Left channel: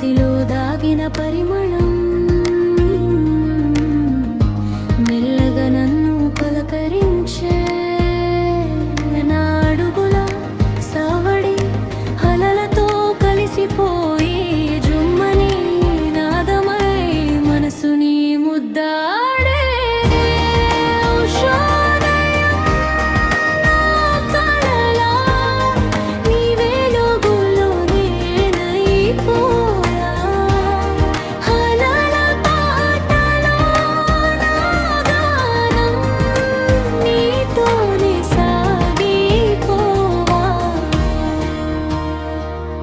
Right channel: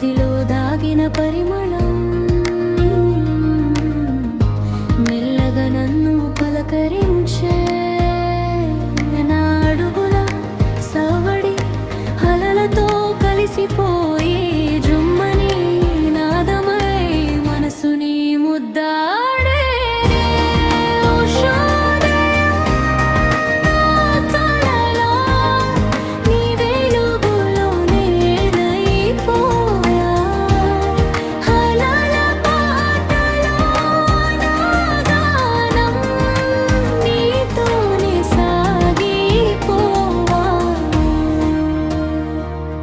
మదిలో దాగిన పరిమళం మెల్లగా నన్ను పలకరించే నా అడుగుల సవడి అలలతో కలిసిపోయి జుమ్మని నాదమై మనసుని ముద్దాడే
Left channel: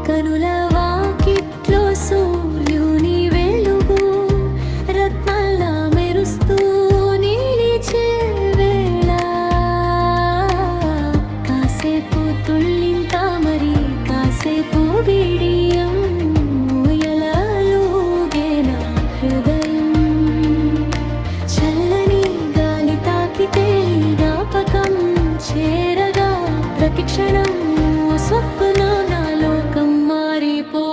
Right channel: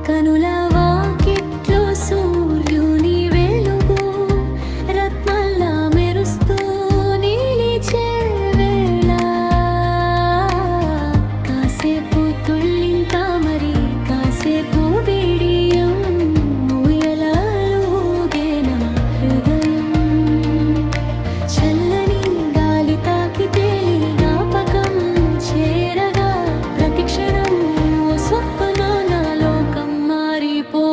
కనుల వాకిట్లో సూర్యుని వెలుగు రత్నల్లా మెరుస్తూ నిలిచే వేళ కాసేపు తుళ్ళింత మరి కాసేపు బిడియం ఊయలూగే నా హృదయం చల్లని గాలి తాకి తేలి జ్ఞాపకం చేరగా ప్రతిక్షణం ఓ స్వప్న నా లోకం మారిపో